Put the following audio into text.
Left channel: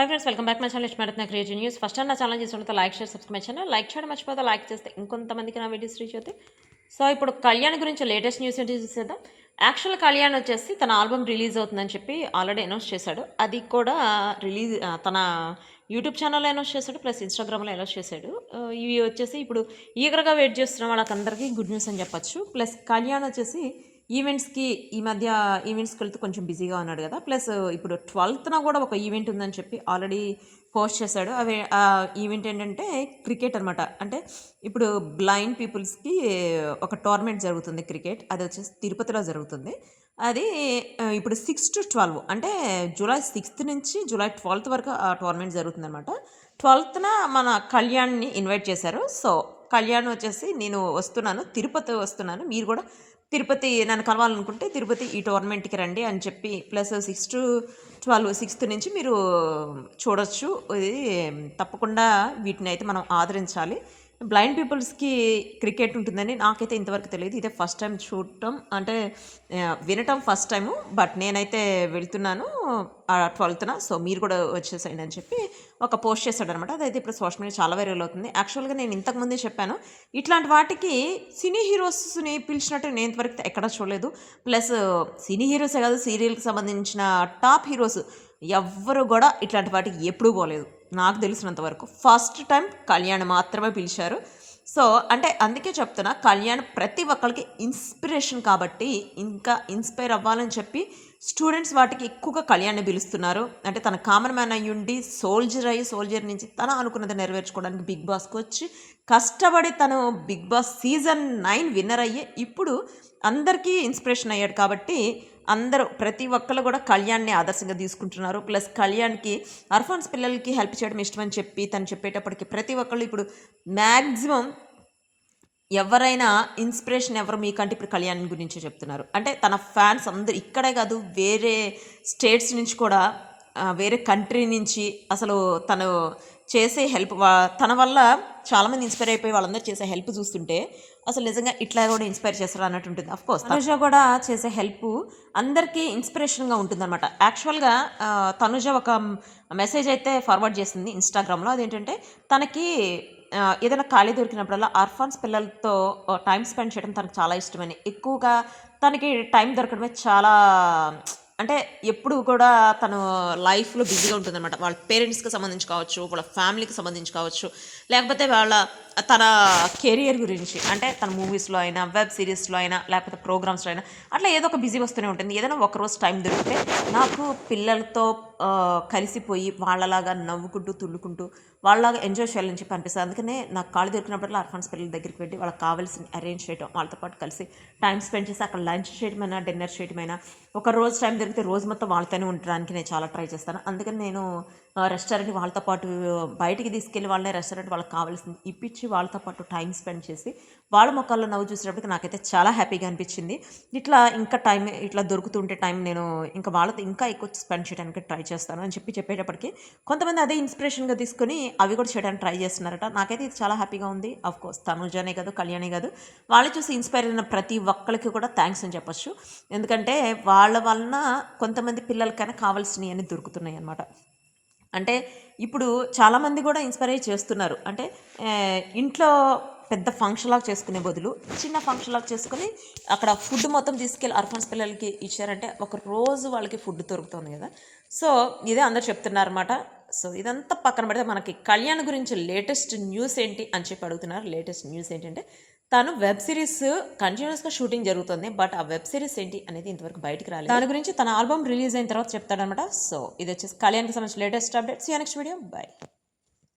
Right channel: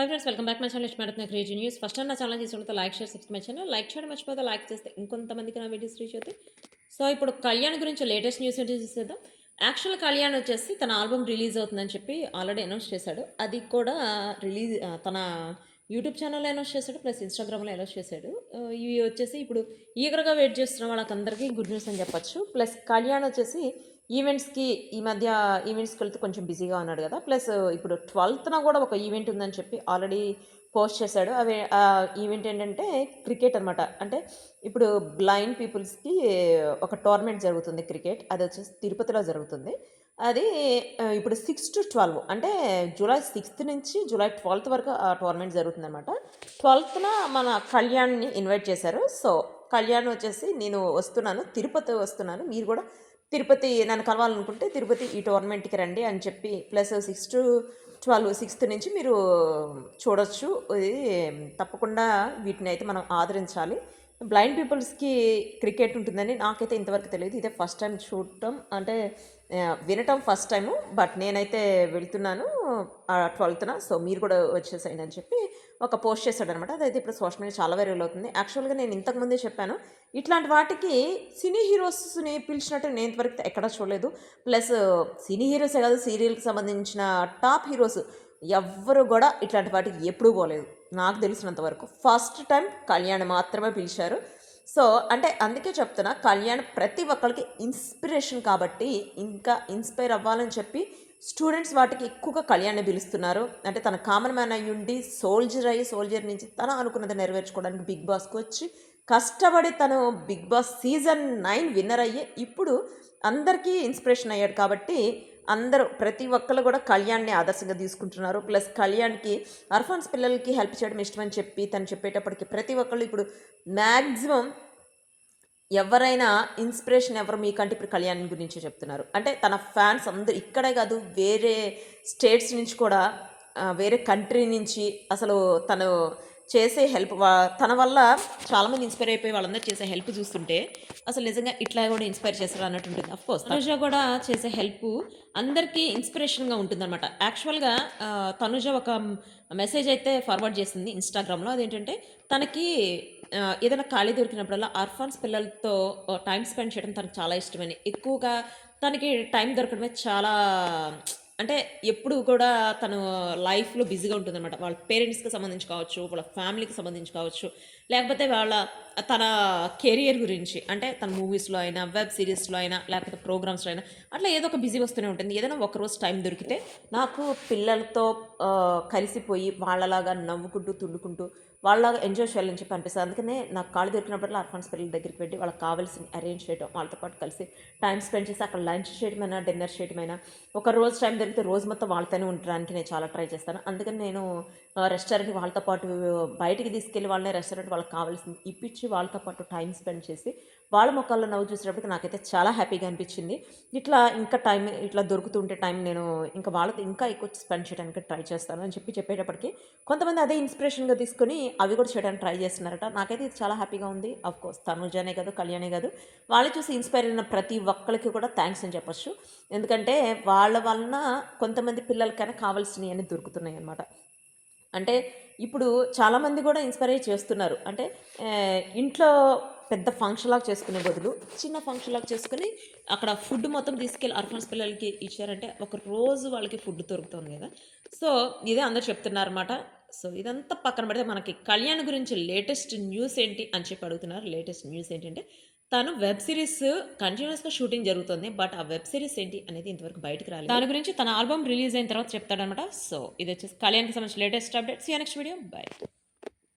Hi friends, welcome back my channel. ఇష్టపడుతున్న creative news. First time నా channel చూస్తుంటే like share subscribe my channel. Like చేయడం మర్చిపోతే like చేస్తే ఇంకొంతమందికి నా వీడియోస్ రీచ్ అవుతాయి. సో ఇప్పుడు కళ్యాణ్ గురించి లేటెస్ట్ న్యూస్ ఏంటి చూసేద్దాం. యాక్చువల్ కళ్యాణ్ వచ్చేసి తన ఆల్బమ్ రిలీజ్ అవుతుందని చెప్పి ఆల్రెడీ అనౌన్స్ చేశాడు. అది కూడా తన యూట్యూబ్ ఛానల్లో అనౌన్స్ చేశాడు, ప్లస్ ఇన్స్టాగ్రామ్లో అనౌన్స్ చేశాడు. ఇవి వచ్చేసి ఇప్పుడు ఈగర్గా వెయిట్ చేస్తున్న వాళ్ళకందరికీ గుడ్ న్యూస్ అని చెప్పొచ్చు. ప్లస్ కళ్యాణ్ వచ్చేసి ఈవెంట్స్‌కి ఈ మధ్య ఈవెంట్స్‌కి వెళ్తే కొంచెం బిజీగా ఉన్నాడు గదా! ప్లస్ ఇప్పుడు 12థ్‌న గూడా ఒక ఈవెంట్ ఉందని చెప్పి ఆల్రెడీ పోస్ట్ చేశాడు. ఈవెంట్ ఏంటంటే క్రికెట్ అనమాట. అంటే ఇప్పుడు బ్లైండ్ పీపుల్స్‌కి ఒక టోర్నమెంట్ జరుగుతుంది క్రికెట్. అదొచ్చేసి తిరుపతిలో జరుగుతుంది. అది ఇప్పుడు 6-12 అంటే జూలై 6 నుంచి జూలై 12 వరకు ఆ టోర్నమెంట్ జరుగుతుందనమాట. 12థ్‌న మన కళ్యాణ్‌ని ఇన్వైట్ చేశారు. సో, కళ్యాణ్ వచ్చేసి నేను వస్తున్నాను, తిరుపతి వస్తున్నాను. మీరు గూడా తిరుపతి నన్ను కలవాలనుకుంటే తిరుపతి ఈ టోర్నమెంట్‌కి రండి అని చెప్పి ప్లస్ 6-12 సిక్స్త్ నుంచి మీరు చూడొచ్చు. ఇది తప్పకుండా వీటినైతే మనం ఆదరించాలి. బ్లైండ్ పీపుల్స్‌కి క్రికెట్ ఉంటుందని నాకైతే ఇంతవరకు తెలీదు. ఇదే ఫస్ట్ టైం చూడటం అంటే వినటం ఫస్ట్ టైము. బట్ నేనైతే వెళ్తున్నాను 12థ్‌న. సో, మీరు కూడా వచ్చేసేయండి అని చెప్పి ఒక పోస్ట్ చేశాడనమాట. అదైతే ఇప్పుడు సోషల్ మీడియా చాలా వైరల్ అవుతుంది. యాక్చువల్‌గా నేను ఇంతకుముందే చెప్పాను. ఇట్లాంటి వాటికి సినీ హీరోస్‌ని పిలిచినట్టు నేను ఇంతవరకు ఎక్కడా చూడలేదు. ప్లస్ సినీ హీరోసే కాదు, సీరియల్‌కి సంబంధించిన టాప్ హీరోస్ ఎవ్వరు గూడా ఇట్లాంటి వాటికి ఎప్పుడూ పోలేదు. నాకు తెలిసినంత వరకు. ఫస్ట్ టైం కళ్యాణ్ మాత్రమే పిలిచారు. సో, అంటే అందుకే చెప్తున్నా, కళ్యాణ్ ప్రతి ఒక్కళ్ళకి ఇన్స్పిరేషన్ కాబట్టి, ఇంకా ఇన్‌స్పైర్ అవ్వాలని చెప్పి స్టూడెంట్స్ వాటికి ఎక్కువగా కళ్యాణ్‌ని పిలుస్తున్నారు. అంటే తను కామన్ మ్యాన్ అయ్యుండి సోల్జర్ నుంచి తను అనుకున్నది నెరవేర్చుకోవడానికి బిగ్ బాస్‌కొచ్చి కష్టపడి తను బిగ్ బాస్ సీజన్ 9 విన్నర్ అయ్యి ఇప్పుడు అందరికీ ఇన్స్పిరేషన్ అయ్యాడు కాబట్టి అందరూ ప్రతి ఒక్కళ్ళు కూడా కళ్యాణ్‌ని ఆదర్శంగా తీసుకుంటున్నారు. ప్లస్ కళ్యాణ్‌కి ఆర్ఫన్స్ పిల్లలకి హెల్ప్ చేయడం ఇష్టమని చెప్పి తను చెప్పేటప్పటికి ప్రతి ఒక్కళ్ళు ఇప్పుడు మ్యాక్సిమం ఎవరైనా ఇన్స్పిరేషన్ ఎవరు మీకంటే ఇప్పుడు కళ్యాణ్ గురించే చెప్తున్నారు. అంటే తన ఫ్యాన్స్ అందరూ ఇక్కడే కాదు, వేరే స్టేట్స్ నుంచి కూడా వేరే కంట్రీ నుంచి అసలు తను చేసే హెల్ప్ తన వల్ల చాలామంది ఇన్స్పైర్ అయిపోయి వాళ్ళందరూ చేసే హెల్ప్ చూస్తుంటే అసలు నిజంగా ఇట్లా కూడా ఇన్స్పైర్ చేస్తారు అన్నట్టు ఉంటుంది. అఫ్కోర్స్ తనుజ కూడా చేసే హెల్ప్ అందరికీ ఇన్స్పిరేషన్గా ఉంటుందన్నమాట. యాక్చువల్గా తనుజ ఒక మెసేజ్ అయితే ఫార్వర్డ్ చేసింది ఇన్స్టాగ్రామ్లో. అదేంటంటే తనకి ఏదైనా ఖాళీ దొరికినప్పుడల్లా ఆర్ఫాన్స్ పిల్లలతో టైం స్పెండ్ చేయడం తనకు చాలా ఇష్టమని, ఎక్కువగా తనకి టైం దొరకడమే చాలా అంటే ఎప్పుడు కూడా తను లైఫ్‌లో బిజీగా ఉంటుందనమాట. వాళ్ళ పేరెంట్స్‌కి సంబంధించి కావచ్చు, వాళ్ళ ఫ్యామిలీకి సంబంధించి కావచ్చు, లేకపోతే తన కెరియర్ గురించి అంటే తన మూవీస్‌లో అయినా, వెబ్ సీరీస్‌లో అయినా, లేకపోతే ప్రోగ్రామ్స్‌లో అయినా అట్లా ఏదో ఒక బిజీ వస్తూనే ఉంటుంది. ఏదైనా ఒకరోజు టైం దొరికితే నాకు పిల్లలతో కలిసిపోయి వాళ్ళలాగా నవ్వుకుంటూ, తుళ్ళుకుంటూ వాళ్ళలాగా ఎంజాయ్ చేయాలని చెప్పి అనిపిస్తది. అందుకనే నాకు ఖాళీ దొరికినప్పుడల్లా ఆర్ఫన్స్ పిల్లల దగ్గరికి వెళ్ళి వాళ్ళకి కావాల్సినవి అరేంజ్ చేయడం, వాళ్ళతో పాటు కలిసి టైం స్పెండ్ చేసి అక్కడ లంచ్ చేయడమైనా, డిన్నర్ చేయడమైనా, ఒక రోజు టైం దొరికితే రోజు మొత్తం వాళ్ళతోనే ఉండడానికి నేను చాలా ట్రై చేస్తాను. అందుకని నేను రెస్టారెంట్‌కి వాళ్ళతో పాటు బయటికి తీసుకెళ్ళి వాళ్ళని రెస్టారెంట్ వాళ్ళకి కావాల్సింది ఇప్పించి వాళ్ళతో పాటు టైం స్పెండ్ చేసి వాళ్ళ మొక్కల్లో నవ్వు చూసేటప్పటికి నాకైతే చాలా హ్యాపీగా అనిపించింది. ఇంకా టైం ఇట్లా దొరుకుతుంటే టైం నేను ఇంకా వాళ్ళతో ఇంకా ఎక్కువ స్పెండ్ చేయడానికి ట్రై చేస్తాను అని చెప్పేటప్పటికి కొంతమంది అదే ఇన్స్పిరేషన్‌గా తీసుకొని అవి కూడా చేయడానికి ట్రై చేస్తున్నారట. నాకైతే ఇది చాలా హ్యాపీగా ఉంది. ఆఫ్‌కోర్స్ తనుజనే కాదు, కళ్యాణే కాదు, వాళ్ళు చూసి ఇన్స్పైర్ అయిన ప్రతి ఒక్కళ్ళకి కూడా థ్యాంక్స్ అని చెప్పొచ్చు. ఎందుకంటే వాళ్ళ వలన కొంతమంది పిల్లలకైనా కావాల్సినవి అన్నీ దొరుకుతున్నాయి అన్నమాట. అంటే ఇప్పుడు చాలామంది కూడా ఇన్స్పైర్ అయ్యి చేస్తున్నారు. అంటే ఇంట్లో పెద్ద ఫంక్షన్‌లాగా చేసుకునే బదులు చిన్న ఫంక్షన్‌లాగా చేసుకొని అక్కడ ఫుడ్ మొత్తం తీసుకెళ్ళి ఆర్ఫన్స్ పిల్లలకి ఇచ్చారంటే ఒక రోజు వాళ్ళకి ఫుడ్ దొరుకుతుంది కదా! సో, ఇదే అందరూ చెప్తున్నారన్నమాట. సో, ఇదంతా పక్కన పెడితే మనకి కళ్యాణ్ గురించి లేటెస్ట్ న్యూస్ ఏంటి అని చెప్పి అడుగుతున్నారు. లేటెస్ట్ న్యూస్ ఏంటంటే తను వెబ్ సిరీస్ కంటిన్యూస్‌గా షూటింగ్ జరుగుతుంది. బట్ ఆ వెబ్ సిరీస్ ఏంటి అనేది ఇంతవరకు బయటికి రాలేదు. దాని గురించి తన ఆల్బమ్ రిలీజ్ అయిన తర్వాత చెప్తాడనమాట. సో, ఇదొచ్చేసి కళ్యాణ్‌కి సంబంధించిన latest updates. See you next video. By.